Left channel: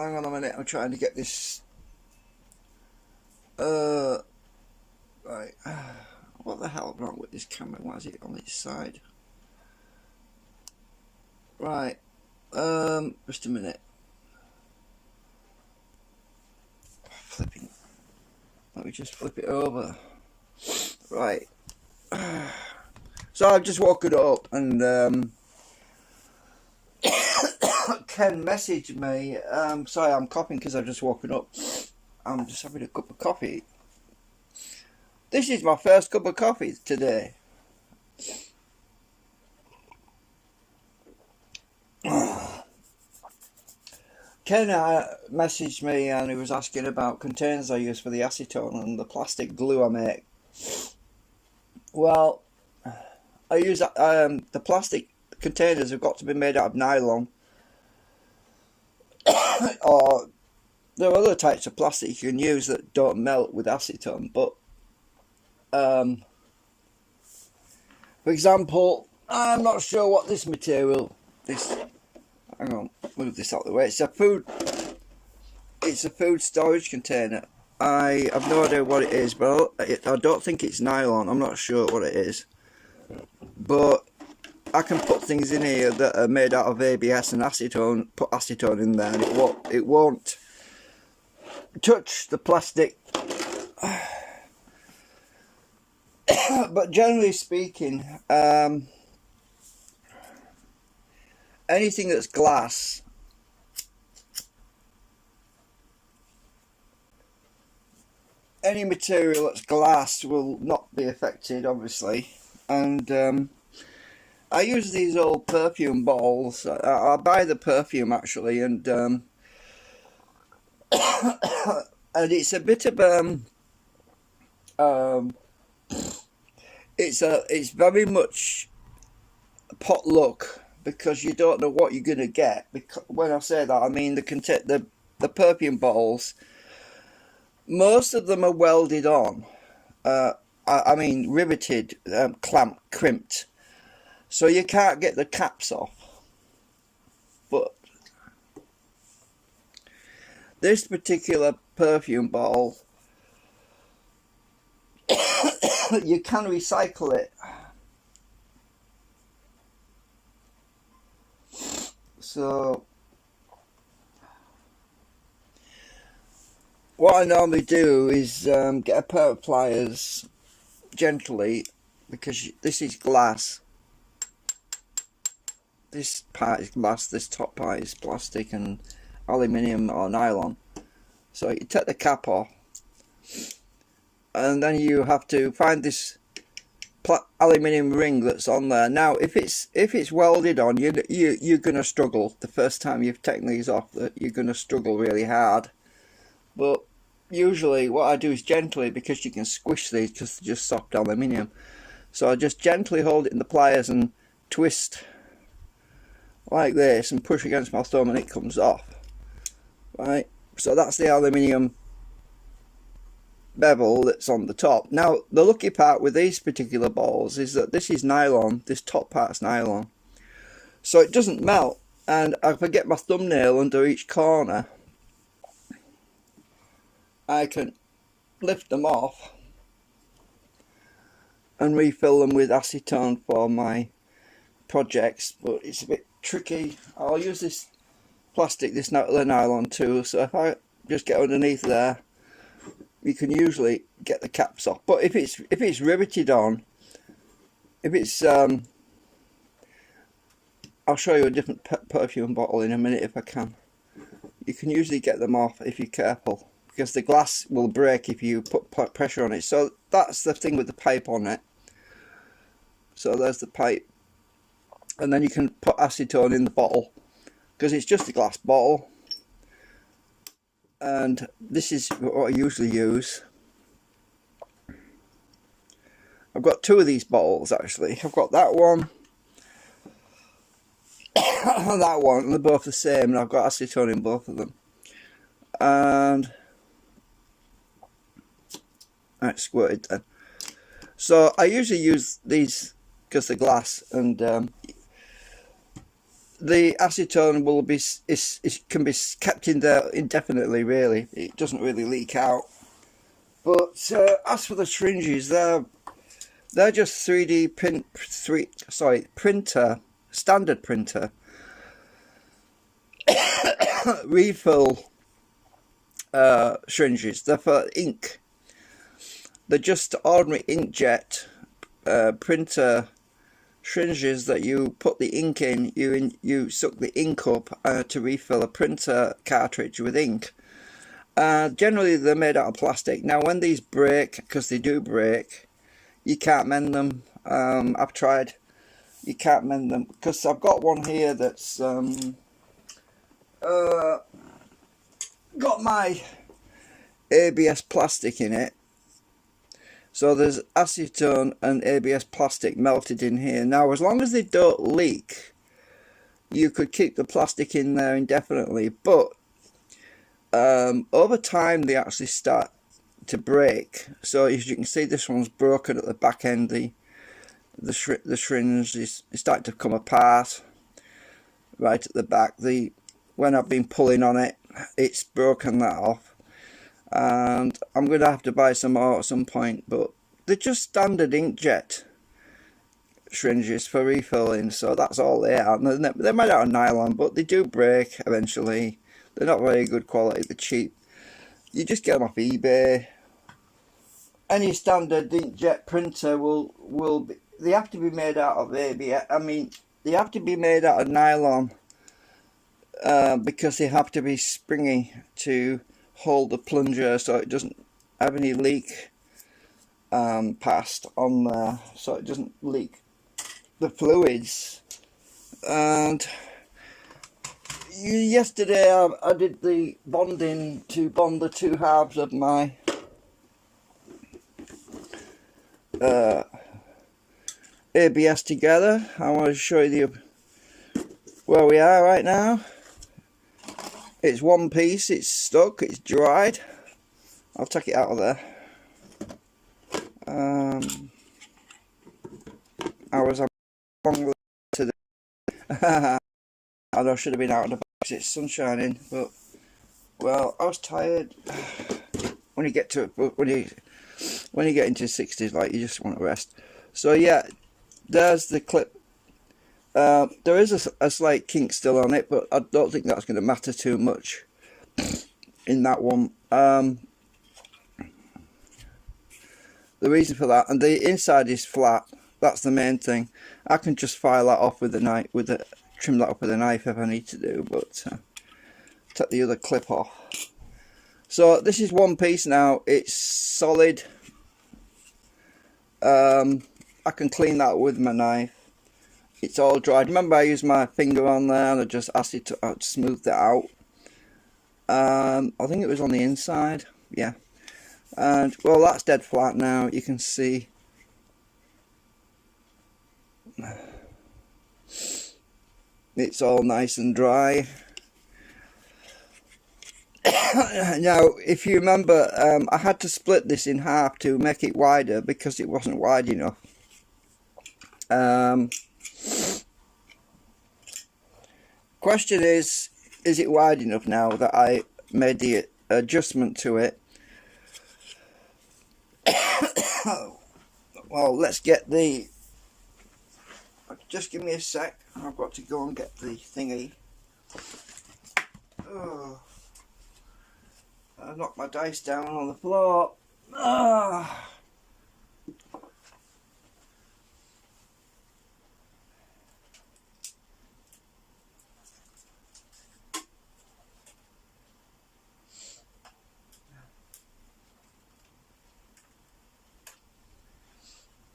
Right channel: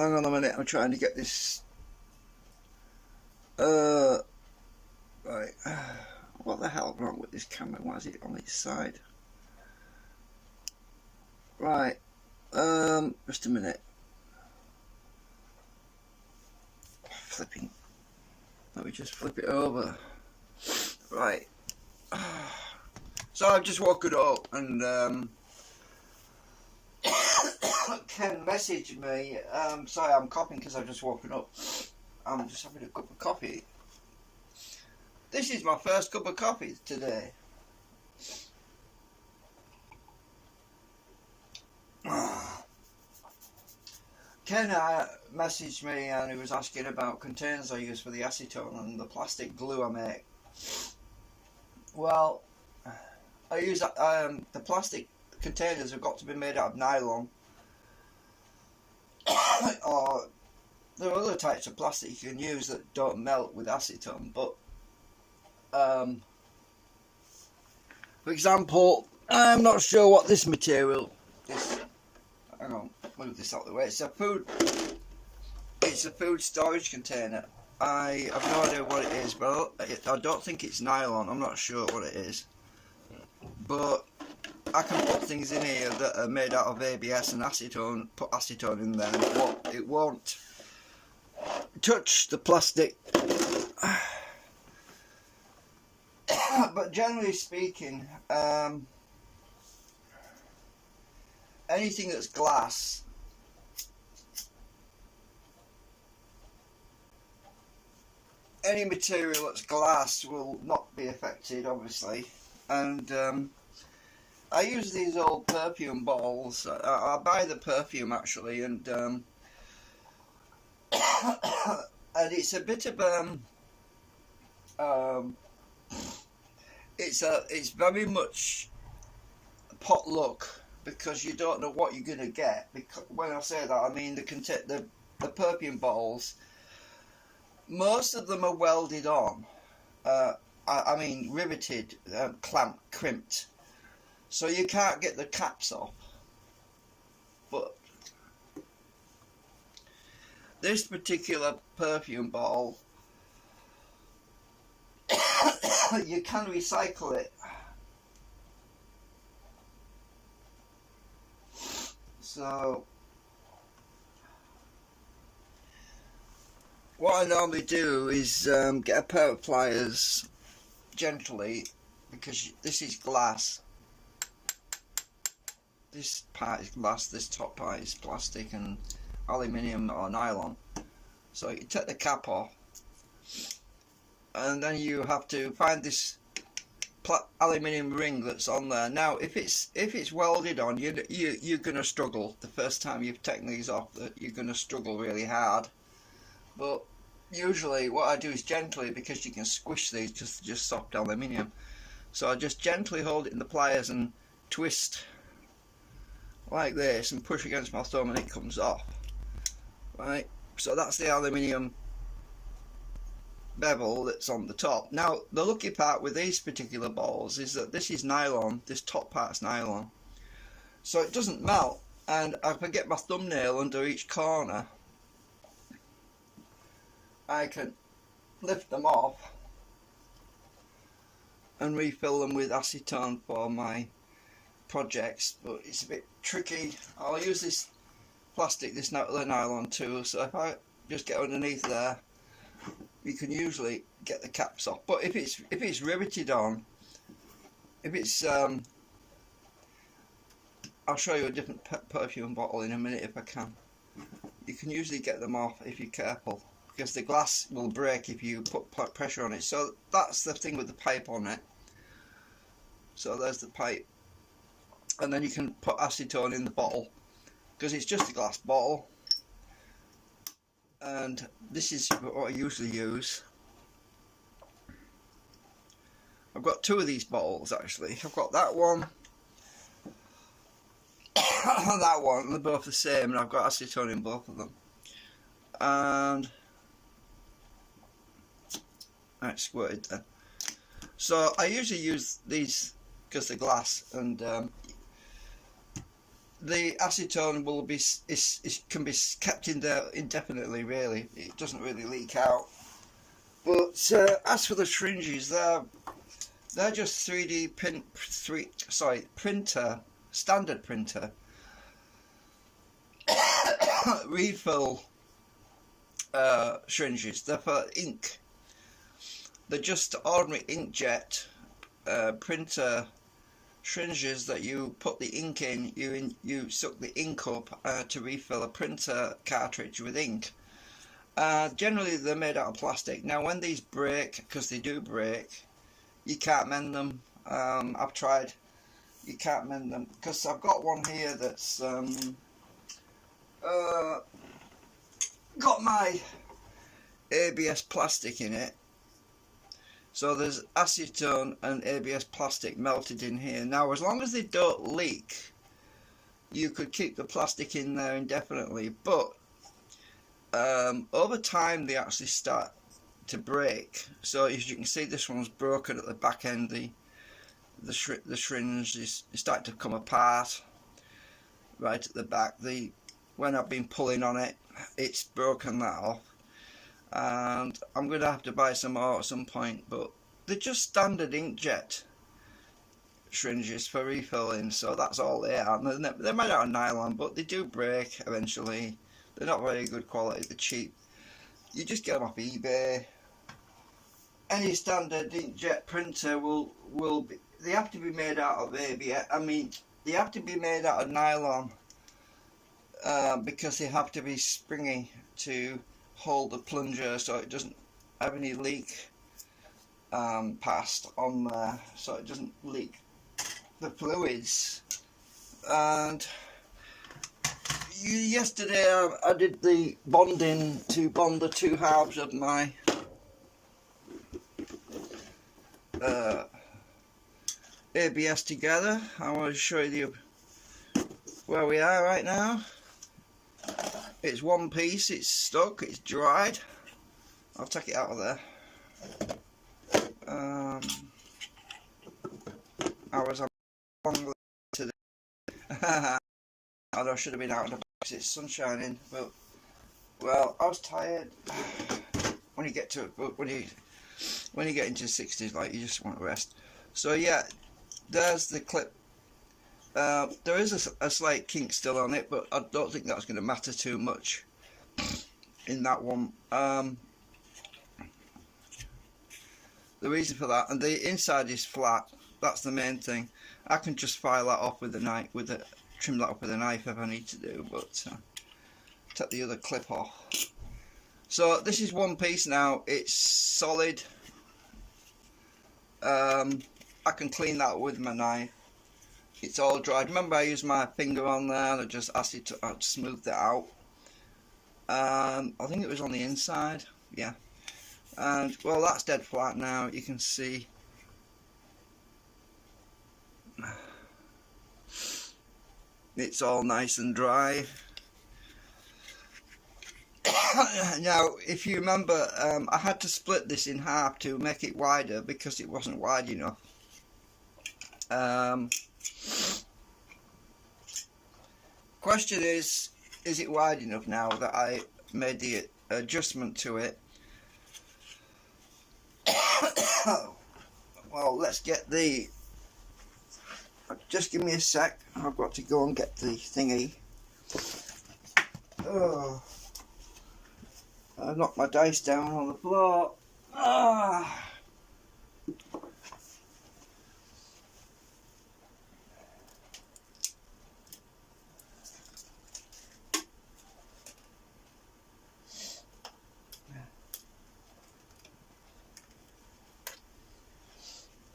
hang on a minute, I'm trying to get this. Right. What the hell wrong with this camera? Why is it on its side? Right. Just a minute. Flipping. Let me just flip it over. Right. So I've just woke it up and Ken messaged me. Sorry, I'm coughing because I've just woken up. I'm just having a cup of coffee. This is my first cup of coffee today. Ken messaged me and he was asking about containers I use for the acetone and the plastic glue I make. Well, I use the plastic containers have got to be made out of nylon, or there are other types of plastic you can use that don't melt with acetone. But for example, I'm not sure what this material. Hang on, move this out of the way. It's a food storage container. I have no idea what it is, but I don't think it's nylon. I'm not sure what it is. But I can put things in here that are made out of ABS and acetone, put acetone in there, and it won't touch the plastic. But generally speaking, anything that's glass, any material that's glass will not be affected, obviously. And I use these old perfume bottles. I buy the perfume actually, and and it's a bit of it's very much potluck, because you don't know what you're gonna get. Because when I say that, I mean the perfume bottles. Most of them are welded on. I mean riveted, crimped, so you can't get the caps off. But this particular perfume bottle, you can recycle it. So what I normally do is get a pair of pliers gently, because this is glass. This part is glass, this top part is plastic and aluminium or nylon. So you take the cap off, and then you have to find this aluminium ring that's on there. Now, if it's welded on, you're gonna struggle the first time you've taken these off. You're gonna struggle really hard. But usually what I do is gently, because you can squish these because they're just soft aluminium. So I just gently hold it in the pliers and twist like this and push against my thumb, and it comes off. Right, so that's the aluminium bevel that's on the top. Now the lucky part with these particular balls is that this is nylon, this top part's nylon, so it doesn't melt. And if I get my thumbnail under each corner, I can lift them off and refill them with acetone for my projects. But it's a bit tricky. I'll use this plastic, this nylon too, so if I just get underneath there, you can usually get the caps off. But if it's riveted on, if it's I'll show you a different perfume bottle in a minute if I can. You can usually get them off if you're careful, because the glass will break if you put pressure on it. So that's the thing with the pipe on it. So there's the pipe, and then you can put acetone in the bottle, because it's just a glass bottle. And this is what I usually use. I've got two of these bottles actually. I've got that one and that one, and they're both the same, and I've got acetone in both of them. And that's squirted then. So I usually use these because they're glass, and the acetone will be can be kept in there indefinitely. Really, it doesn't really leak out. But as for the syringes, they're just 3D printer, standard printer refill syringes. They're for ink. They're just ordinary inkjet printer syringes that you put the ink in. You suck the ink up to refill a printer cartridge with ink. Generally, they're made out of plastic. Now, when these break, because they do break, you can't mend them. I've tried. You can't mend them because I've got one here that's got my ABS plastic in it. So there's acetone and ABS plastic melted in here. Now, as long as they don't leak, you could keep the plastic in there indefinitely. But over time, they actually start to break. So as you can see, this one's broken at the back end. The syringe is starting to come apart right at the back. When I've been pulling on it, it's broken that off. And I'm going to have to buy some more at some point, but they're just standard inkjet syringes for refilling, so that's all they are. They're made out of nylon, but they do break eventually. They're not very good quality, they're cheap. You just get them off eBay. Any standard inkjet printer will be, they have to be made out of ABS. I mean, they have to be made out of nylon because they have to be springy to hold the plunger so it doesn't have any leak past on there, so it doesn't leak the fluids. And yesterday I did the bonding to bond the two halves of my ABS together. I want to show you where we are right now. It's one piece, it's stuck, it's dried. I'll take it out of there. I was wrong today. I should have been out of the box. It's sun shining, but well, I was tired. When you get to when you get into the 60s, like, you just want to rest. So yeah, there's the clip. There is a slight kink still on it, but I don't think that's going to matter too much in that one. The reason for that, and the inside is flat. That's the main thing. I can just file that off with a knife, trim that up with a knife if I need to do, but take the other clip off. So this is one piece now. It's solid. I can clean that with my knife. It's all dried. Remember, I used my finger on there and I just asked it to smooth that out. I think it was on the inside. Yeah. And well, that's dead flat now. You can see. It's all nice and dry. Now, if you remember, I had to split this in half to make it wider because it wasn't wide enough. Question is it wide enough now that I made the adjustment to it? Well, let's get the... Just give me a sec. I've got to go and get the thingy. Oh, I knocked my dice down on the floor. Ah.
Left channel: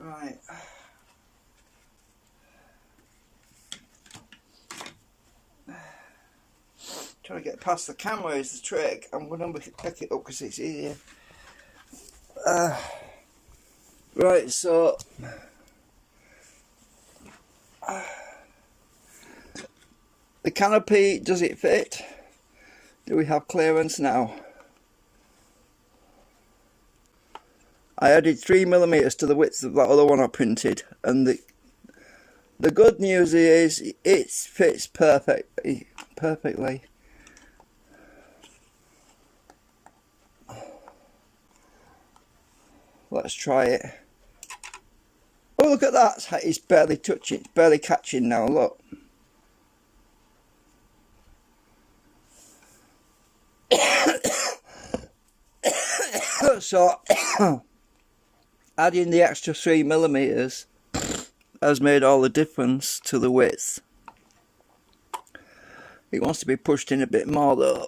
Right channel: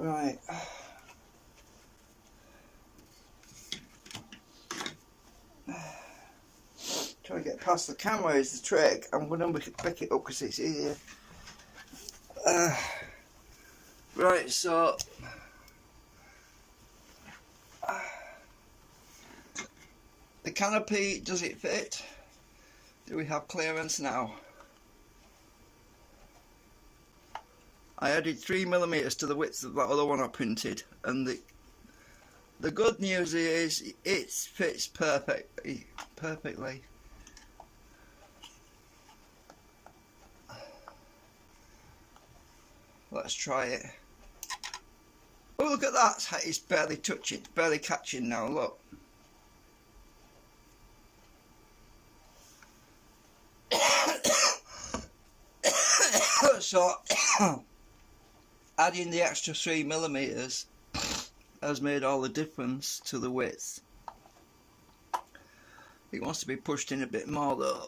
Right. Trying to get past the camera is the trick. I'm going to pick it up because it's easier. Right, so the canopy, does it fit? Do we have clearance now? I added 3mm to the width of that other one I printed, and the good news is it fits perfectly. Let's try it. Oh, look at that. It's barely touching, barely catching now, look. So, adding the extra 3mm has made all the difference to the width. It wants to be pushed in a bit more though.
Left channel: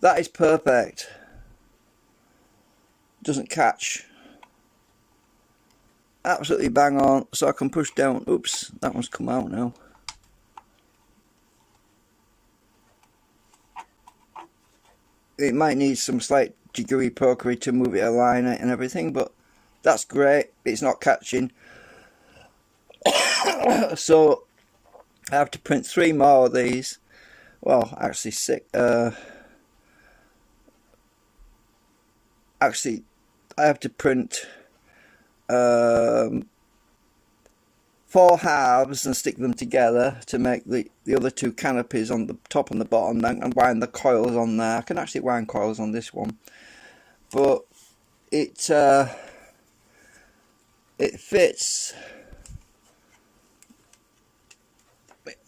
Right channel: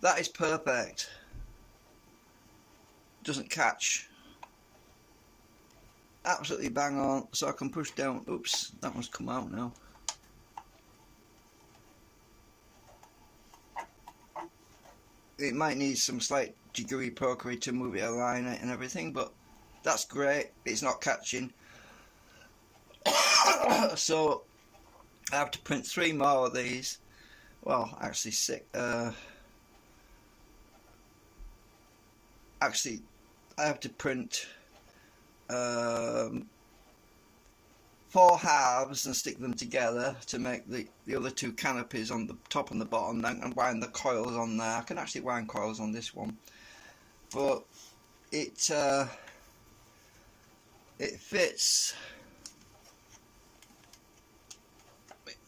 That is perfect. Doesn't catch. Absolutely bang on. So I can push down. Oops, that one's come out now. It might need some slight jiggery pokery to move it, align it and everything, but that's great. It's not catching. So I have to print 3 more of these. Well, actually 6. Actually, I have to print 4 halves and stick them together to make the other 2 canopies on the top and the bottom, and wind the coils on there. I can actually wind coils on this one, but it fits.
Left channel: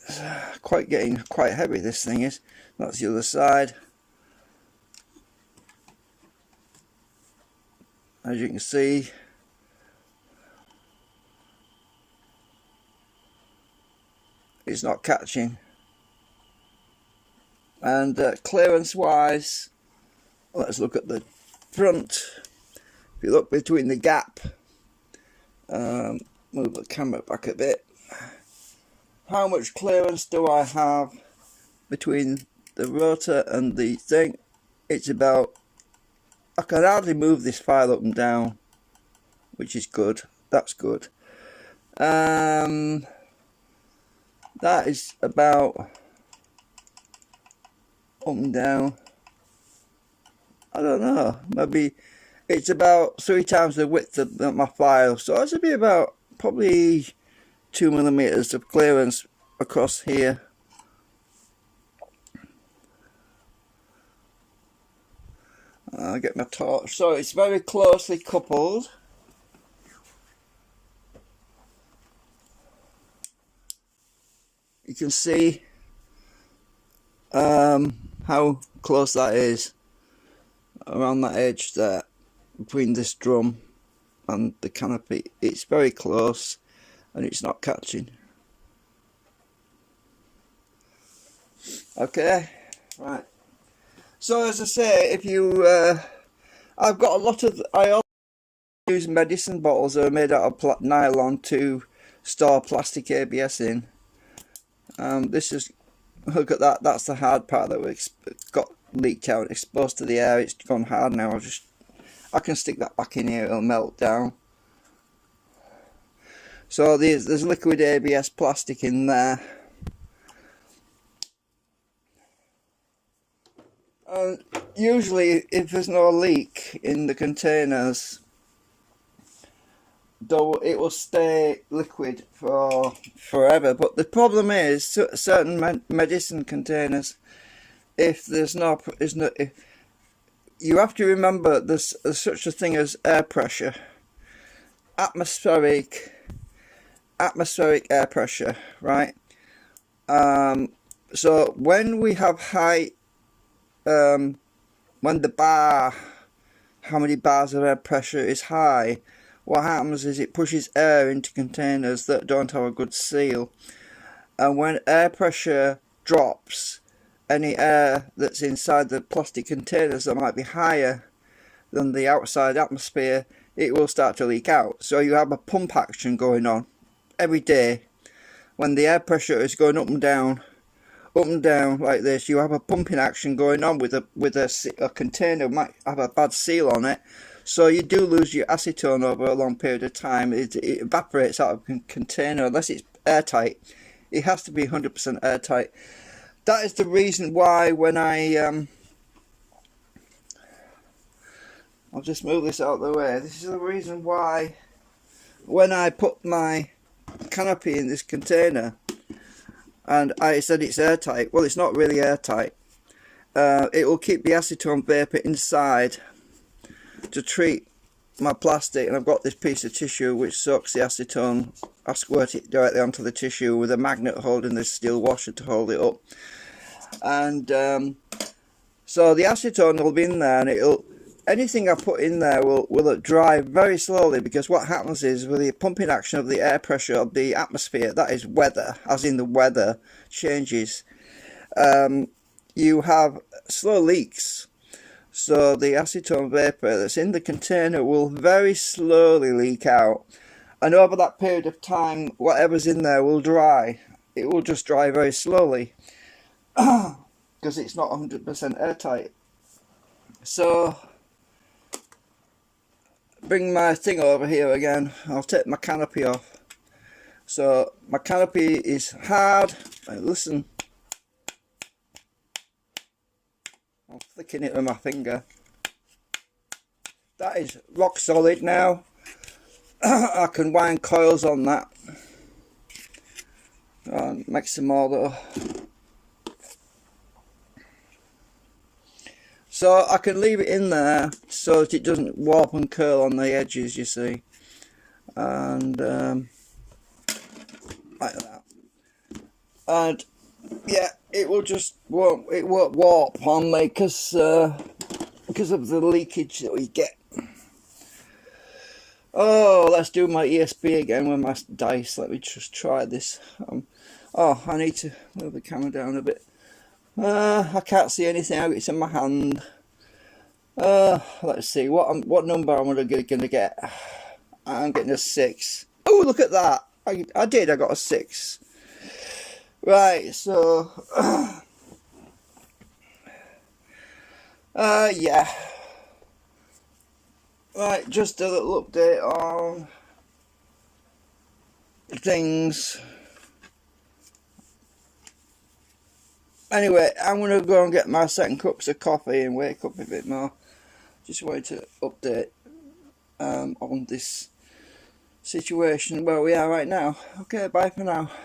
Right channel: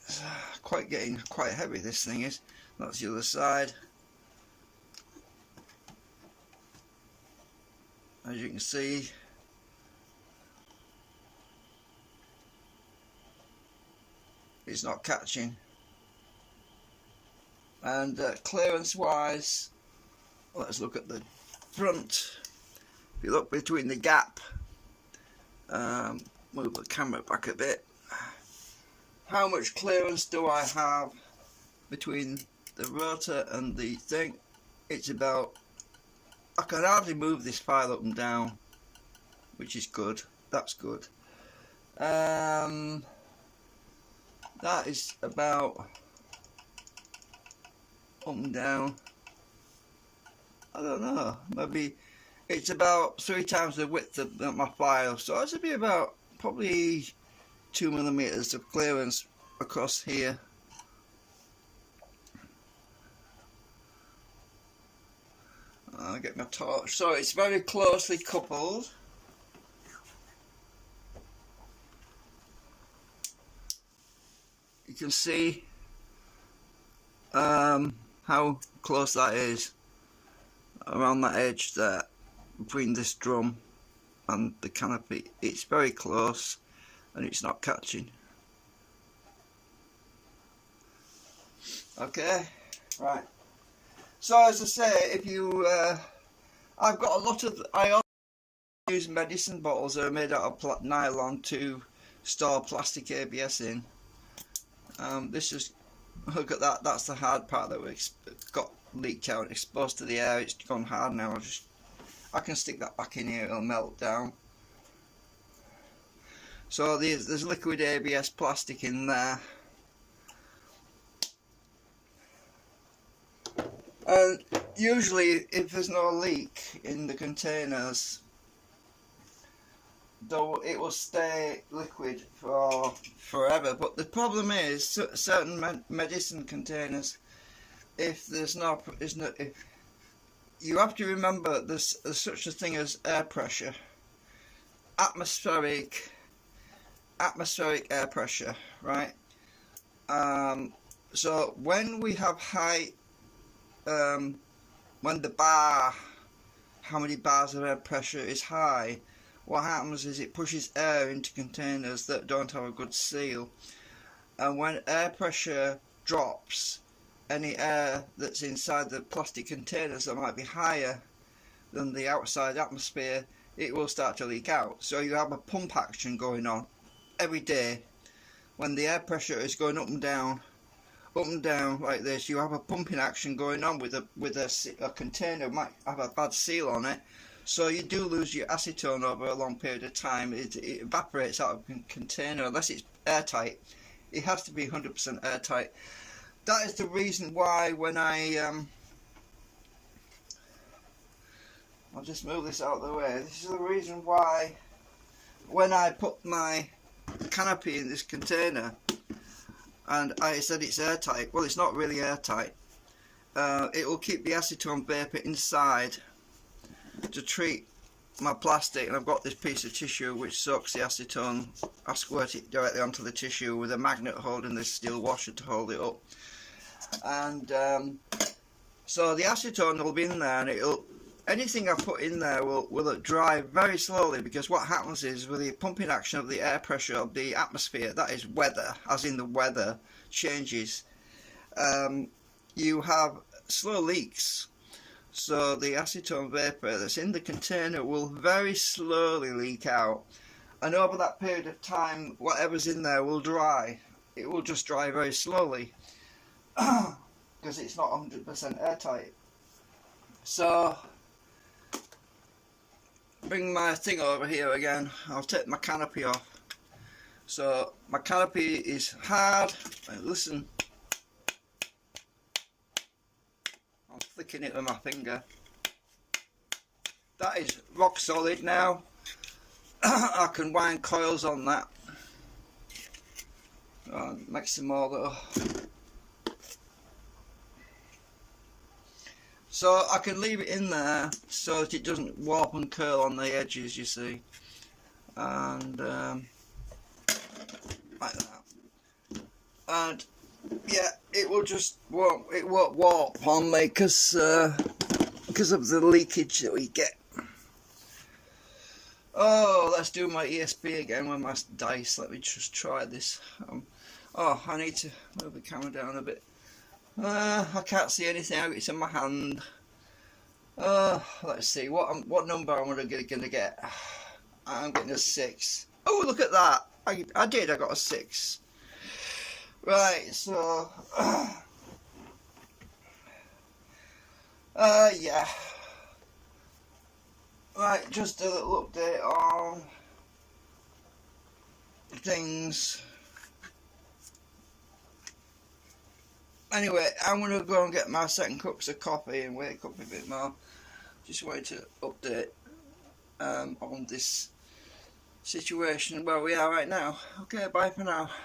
It's getting quite heavy, this thing is. That's the other side. As you can see, it's not catching. And clearance wise, let's look at the front. If you look between the gap, move the camera back a bit. How much clearance do I have between the rotor and the thing? It's about, I can hardly move this file up and down, which is good. That's good. That is about up and down. I don't know. Maybe it's about 3 times the width of my file, so it should be about probably 2mm of clearance across here. I'll get my torch. So it's very closely coupled. You can see how close that is around that edge there between this drum and the canopy. It's very close and it's not catching. Okay, right. So as I say, if you, I've got a lot of, I also use medicine bottles that are made out of nylon to store plastic ABS in. This is, look at that, that's the hard part that we got leaked out, exposed to the air. It's gone hard now. I can stick that back in here, it'll melt down. So there's liquid ABS plastic in there. And usually if there's no leak in the containers, though, it will stay liquid for forever. But the problem is certain medicine containers, if you have to remember there's such a thing as air pressure, atmospheric air pressure, right? So when we have high, when how many bars of air pressure is high, what happens is it pushes air into containers that don't have a good seal, and when air pressure drops, any air that's inside the plastic containers that might be higher than the outside atmosphere, it will start to leak out. So you have a pump action going on every day. When the air pressure is going up and down like this, you have a pumping action going on with a container might have a bad seal on it. So you do lose your acetone over a long period of time. It evaporates out of the container unless it's airtight. It has to be 100% airtight. That is the reason why when I I'll just move this out of the way. This is the reason why when I put my canopy in this container and I said it's airtight, well, it's not really airtight. It will keep the acetone vapour inside to treat my plastic, and I've got this piece of tissue which soaks the acetone. I squirt it directly onto the tissue with a magnet holding this steel washer to hold it up, and so the acetone will be in there, and it'll, anything I put in there will dry very slowly, because what happens is with the pumping action of the air pressure of the atmosphere, that is weather, as in the weather changes, you have slow leaks. So the acetone vapour that's in the container will very slowly leak out, and over that period of time whatever's in there will dry. It will just dry very slowly because it's not 100% airtight. So bring my thing over here again. I'll take my canopy off. So my canopy is hard, and listen, I'm flicking it with my finger. That is rock solid now. I can wind coils on that. Make some more though. So I can leave it in there so that it doesn't warp and curl on the edges, you see. And like that. And yeah, it will just won't warp on me because of the leakage that we get. Oh, let's do my ESP again with my dice. Let me just try this. Oh, I need to move the camera down a bit. I can't see anything. It's in my hand. Let's see what number I'm gonna get. I'm getting a 6. Oh, look at that! I got a 6. Right, so yeah. Right, just a little update on things. Anyway, I'm going to go and get my second cups of coffee and wake up a bit more. Just wanted to update on this situation where we are right now. Okay, bye for now.